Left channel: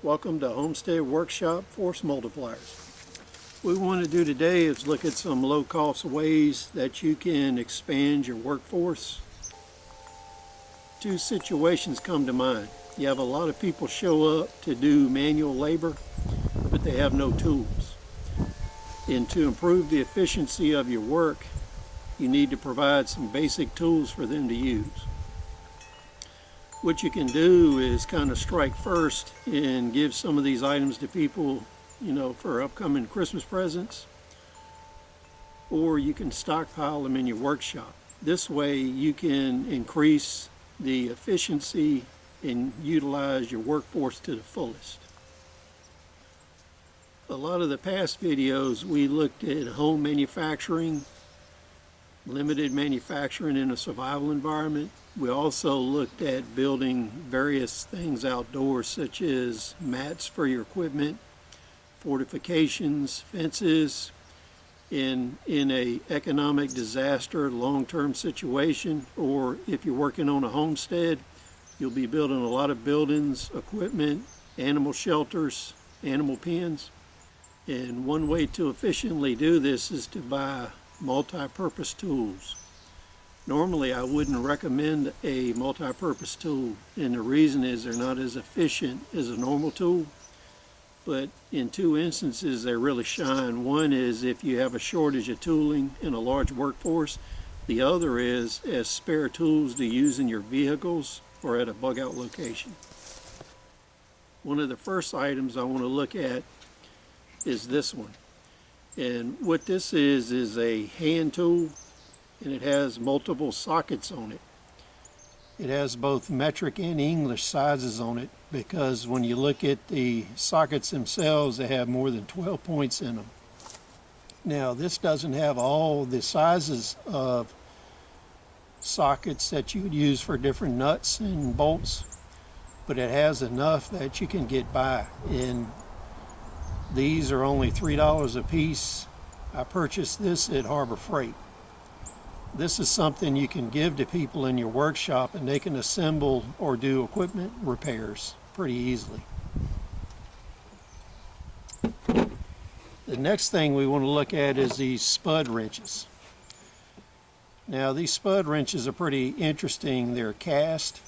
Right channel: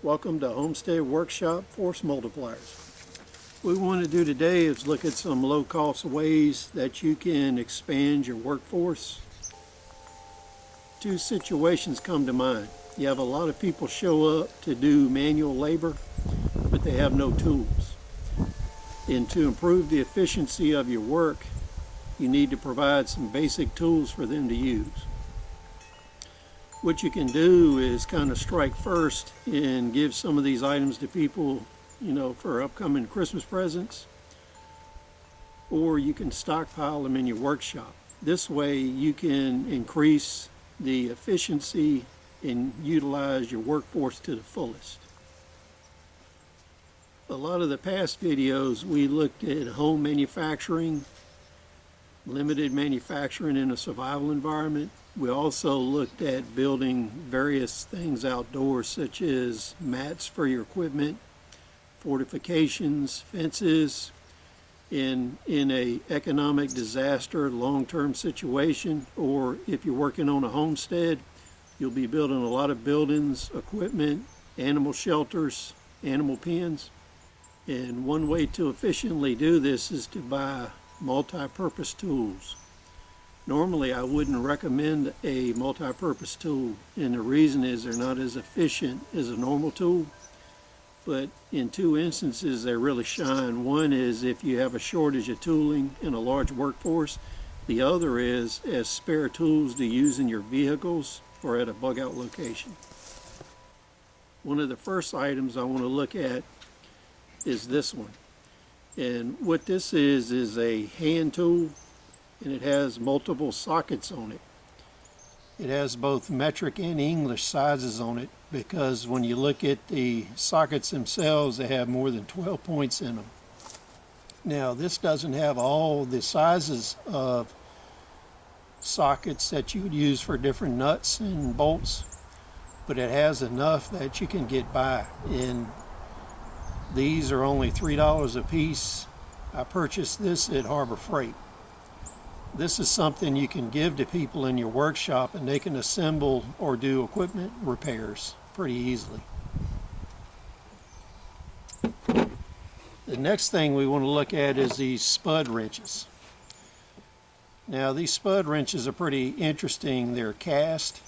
Welcome to Homestead Workshop Force Multipliers. What we want to do today is look at some low-cost ways that you can expand your workforce. Two situations come to mind. You have a lot of people show up to do manual labor, but they have no tools. And to improve the efficiency of your work, you need to provide some basic tools for them to use. What you can do is kind of strike first and give some of these items to people, for upcoming Christmas presents, or you can stockpile them in your workshop. This way you can increase the efficiency and utilize your workforce to the fullest. A lot of the past videos we looked at home manufacturing, limited manufacturing in a survival environment. We also looked at building various things outdoors, such as mats for your equipment, fortifications, fences. In a economic disaster, long-term situation, or if you're working on a homestead, you'll be building a lot of buildings, equipment, animal shelters, animal pens. And one way to efficiently do this is to buy multi-purpose tools. Normally I wouldn't recommend a multi-purpose tool, and the reason is they're not as efficient as a normal tool, but in two instances they really shine. One is if you have a shortage of tooling in a large workforce. The other is as spare tools to use in your vehicles or at a bug out location. One of the first items I want to look at is this one. And what this is a hand tool, and it has multiple sockets on it. It has both metric and English sizes on it, because when you look at the sockets themselves, they have more than 12 points in them. Now, this doesn't have all the sizes of sockets that you would use for different nuts and bolts, but it has enough that you can get by. And these are only $3 a piece. I purchased this at Harbor Freight. This is something you can give to people in your workshop, and they can assemble or do equipment repairs pretty easily. The next thing we want to look at is these spud wrenches. Now, these spud wrenches are pretty interesting. They're cast.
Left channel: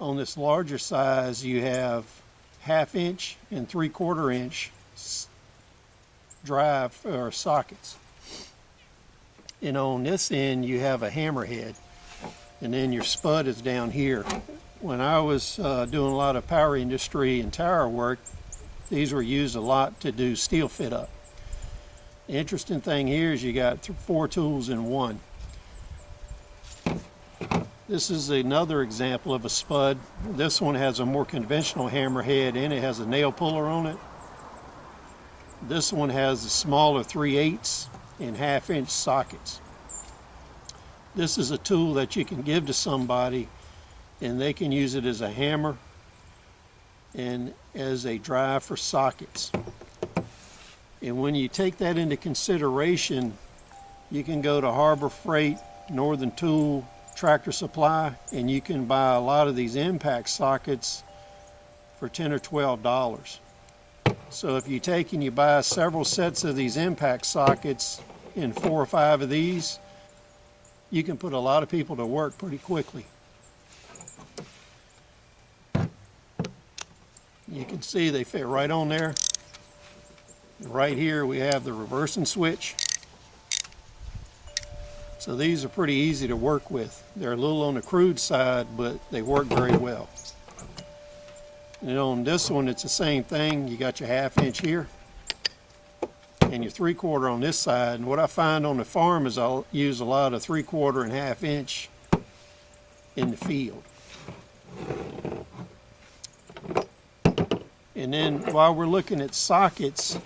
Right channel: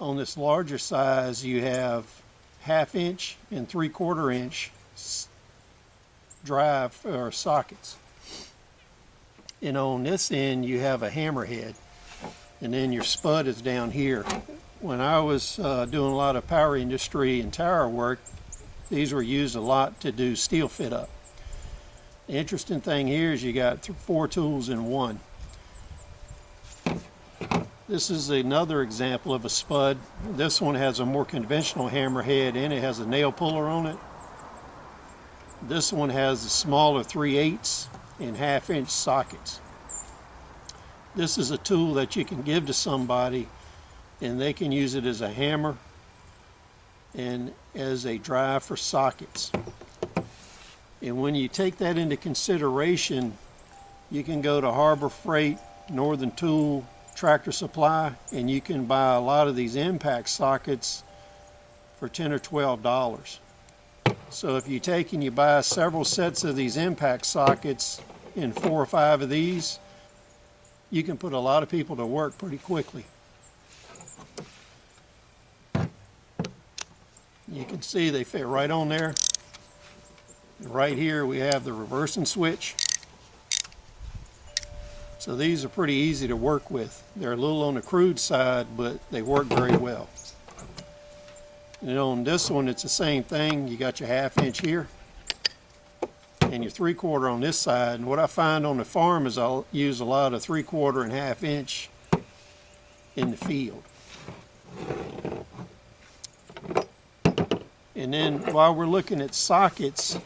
On this larger size, you have 1/2 inch and 3/4 inch drive or sockets. And on this end you have a hammerhead, and then your spud is down here. When I was doing a lot of power industry and tower work, these were used a lot to do steel fit up. The interesting thing here is you got 4 tools in one. This is another example of a spud. This one has a more conventional hammerhead, and it has a nail puller on it. This one has the smaller 3/8 and 1/2 inch sockets. This is a tool that you can give to somebody, and they can use it as a hammer and as a drive for sockets. And when you take that into consideration, you can go to Harbor Freight, Northern Tool, Tractor Supply, and you can buy a lot of these impact sockets for $10 or $12. So if you take and you buy several sets of these impact sockets and 4 or 5 of these, you can put a lot of people to work pretty quickly. You can see they fit right on there. And right here we have the reversing switch. So these are pretty easy to work with. They're a little on the crude side, but they work very well. And on this one, it's the same thing. You got your 1/2 inch here and your 3/4 on this side. And what I find on the farm is I'll use a lot of 3/4 and 1/2 inch in the field. And then while we're looking at sockets,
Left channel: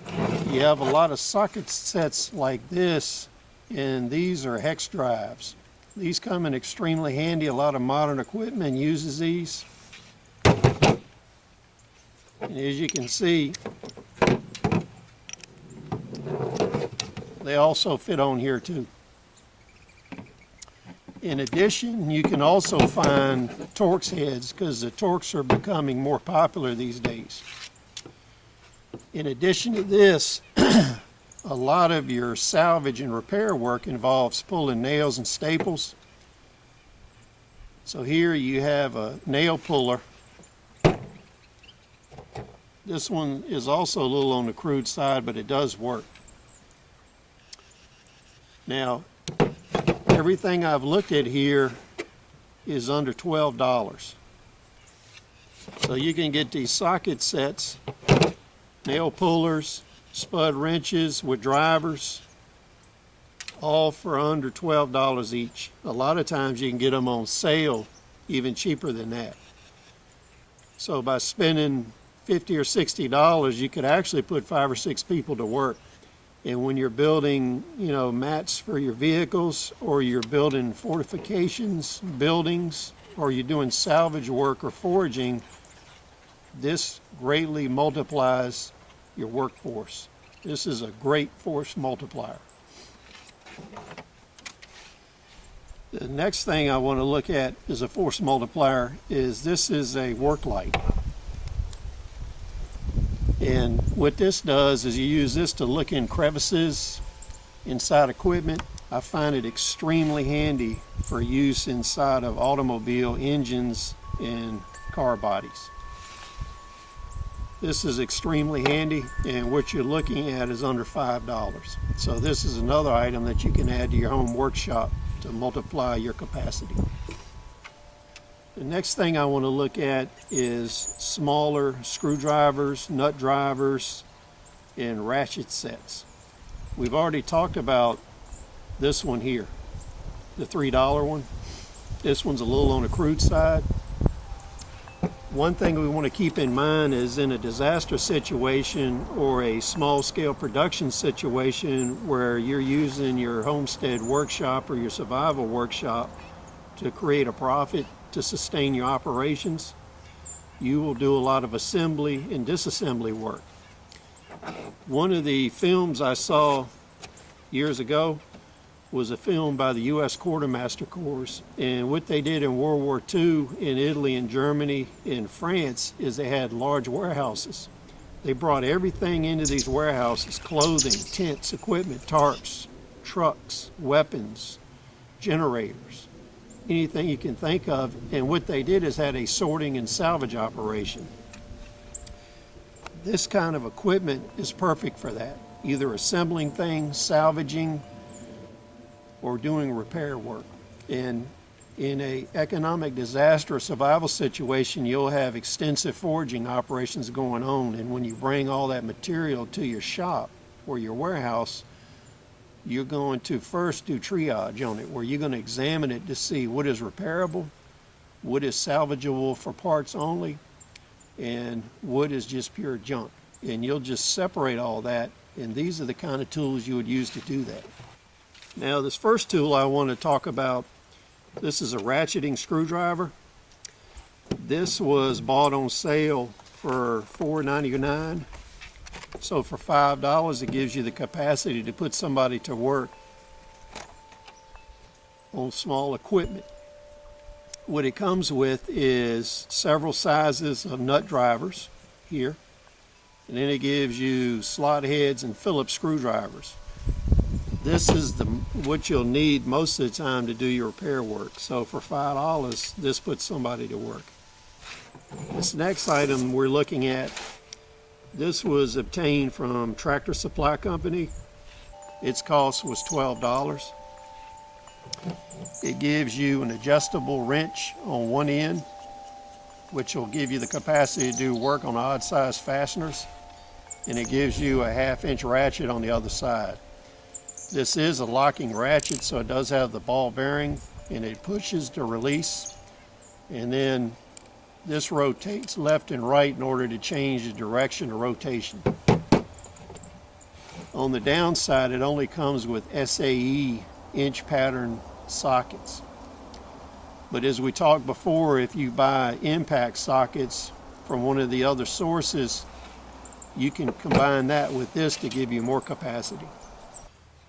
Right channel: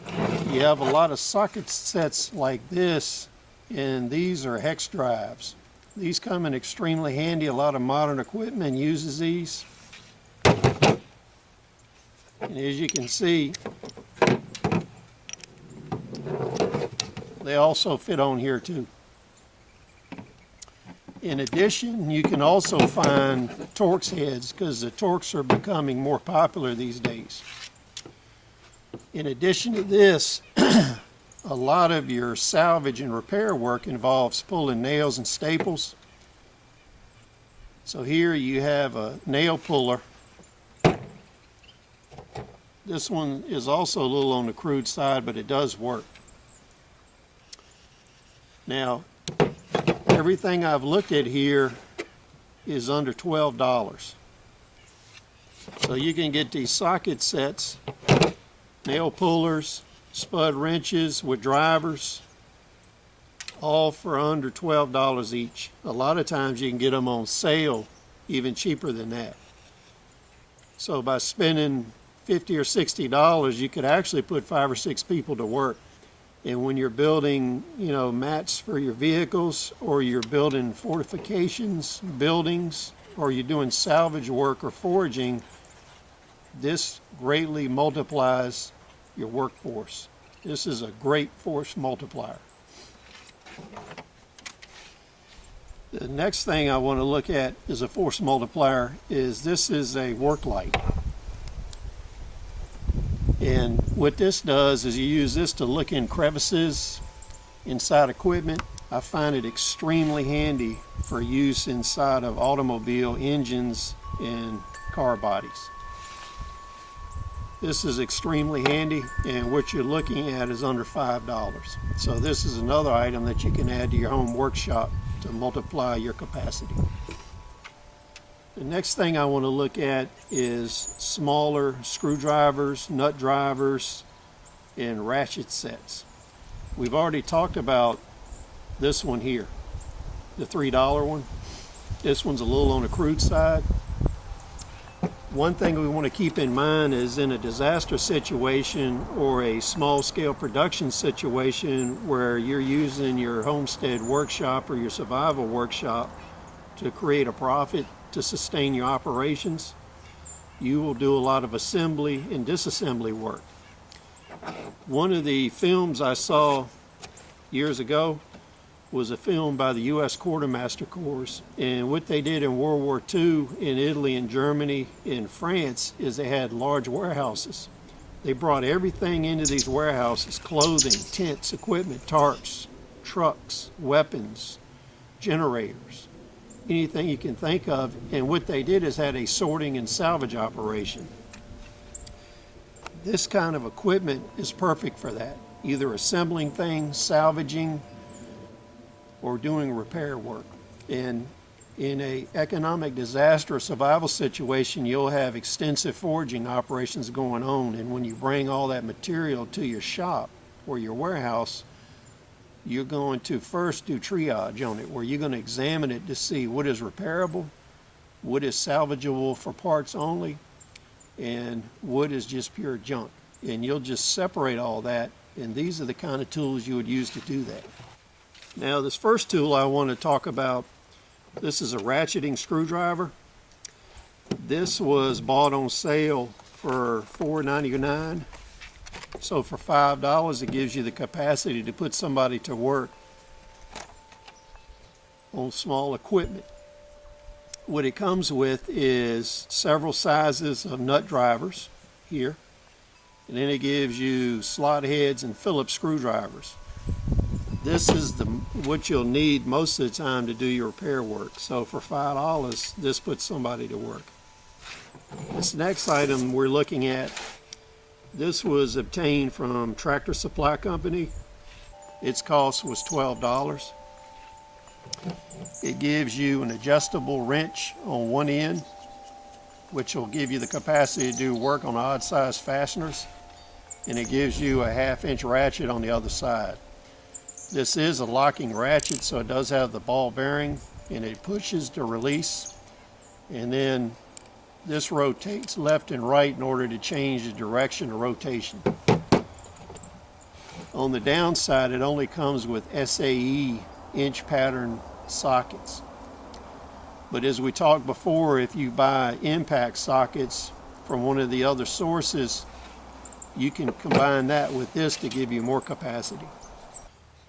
you have a lot of socket sets like this, and these are hex drives. These come in extremely handy. A lot of modern equipment uses these. And as you can see, they also fit on here too. In addition, you can also find torx heads because the torx are becoming more popular these days. In addition to this, a lot of your salvage and repair work involves pulling nails and staples. So here you have a nail puller. This one is also a little on the crude side, but it does work. Now, everything I've looked at here is under $12. So you can get these socket sets, nail pullers, spud wrenches with drivers, all for under $12 each. A lot of times you can get them on sale even cheaper than that. So by spending $50 or $60, you could actually put 5 or 6 people to work. And when you're building, mats for your vehicles, or you're building fortifications, buildings, or you're doing salvage work or foraging, this greatly multiplies your workforce. This is a great force multiplier. The next thing I want to look at as a force multiplier is this is a work light. And what this does is you use this to look in crevices inside equipment. I find it extremely handy for use inside of automobile engines and car bodies. This is extremely handy, and what you're looking at is under $5. So this is another item that you can add to your home workshop to multiply your capacity. The next thing I want to look at is smaller screwdrivers, nut drivers, and ratchet sets. We've already talked about this one here, the $3 one. This one's a little on the crude side. One thing we want to keep in mind is in a disaster situation or a small-scale production situation where you're using your homestead workshop or your survival workshop to create a profit to sustain your operations, you will do a lot of assembly and disassembly work. One of the films I saw years ago was a film by the U.S. Quartermaster Corps, and what they did in World War II in Italy and Germany and France is they had large warehouses. They brought everything into these warehouses: clothing, tents, equipment, tarps, trucks, weapons, generators, anything you can think of. And what they did is had a sorting and salvage operation. This kind of equipment is perfect for that, either assembling things, salvaging, or doing repair work. And in an economic disaster or survival situation, you'll have extensive foraging operations going on, and when you bring all that material to your shop or your warehouse, you're going to first do triage on it, where you're going to examine it to see what is repairable, what is salvageable for parts only, and what is just pure junk. And you'll just separate all that, and these are the kind of tools you would use to do that. Now, this first tool I want to talk about, this is a ratcheting screwdriver. This was bought on sale for $4.99. So for $5, it gives you the capacity to put somebody to work on small equipment. What it comes with is several sizes of nut drivers here, and then it gives you slot heads and Phillips screwdrivers. This is what you'll need most of the time to do your repair work. So for $5, this puts somebody to work. This next item we're looking at, this was obtained from Tractor Supply Company. Its cost was $12. It gives you an adjustable wrench on one end, which will give you the capacity to do work on odd size fasteners, and it gives you a 1/2-inch ratchet on the other side. This is a locking ratchet, so it does have the ball bearing, and it pushes to release, and then this rotates left and right in order to change the direction of rotation. On the downside, it only comes with SAE inch pattern sockets. But as we talked before, if you buy impact sockets from one of the other sources, you can combine that with this to give you more capacity.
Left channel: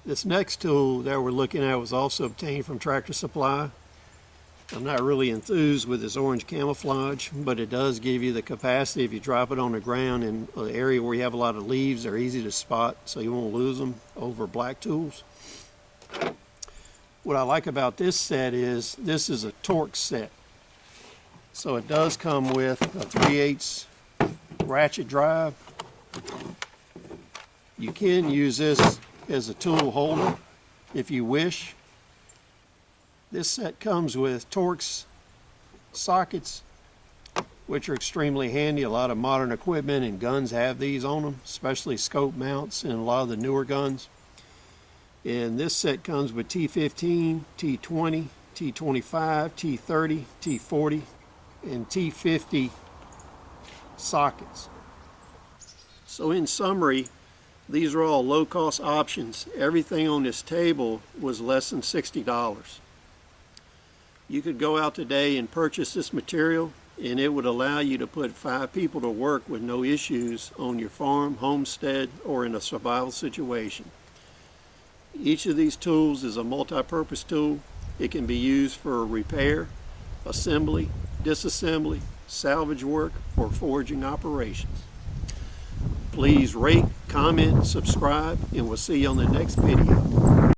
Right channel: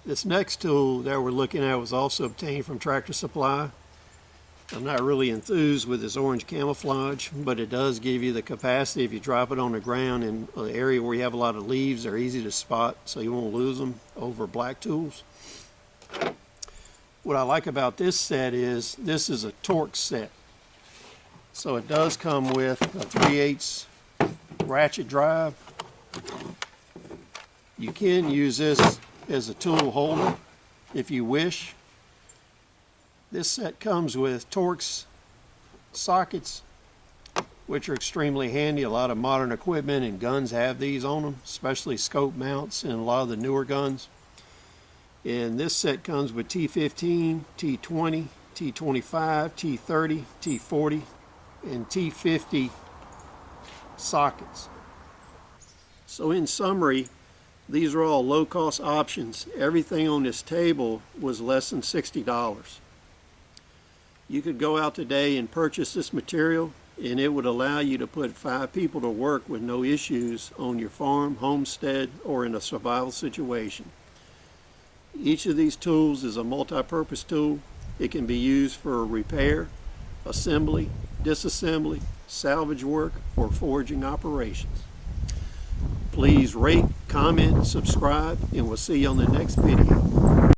This next tool that we're looking at was also obtained from Tractor Supply. I'm not really enthused with this orange camouflage, but it does give you the capacity. If you drop it on the ground in an area where you have a lot of leaves, they're easy to spot, so you won't lose them over black tools. What I like about this set is this is a torx set. So it does come with a 3/8 ratchet drive. You can use this as a tool holder if you wish. This set comes with torx sockets, which are extremely handy. A lot of modern equipment and guns have these on them, especially scope mounts and a lot of the newer guns. And this set comes with T15, T20, T25, T30, T40, and T50 sockets. So in summary, these are all low-cost options. Everything on this table was less than $60. You could go out today and purchase this material, and it would allow you to put 5 people to work with no issues on your farm, homestead, or in a survival situation. Each of these tools is a multi-purpose tool. It can be used for repair, assembly, disassembly, salvage work, or foraging operations. Please rate, comment, subscribe, and we'll see you on the next video.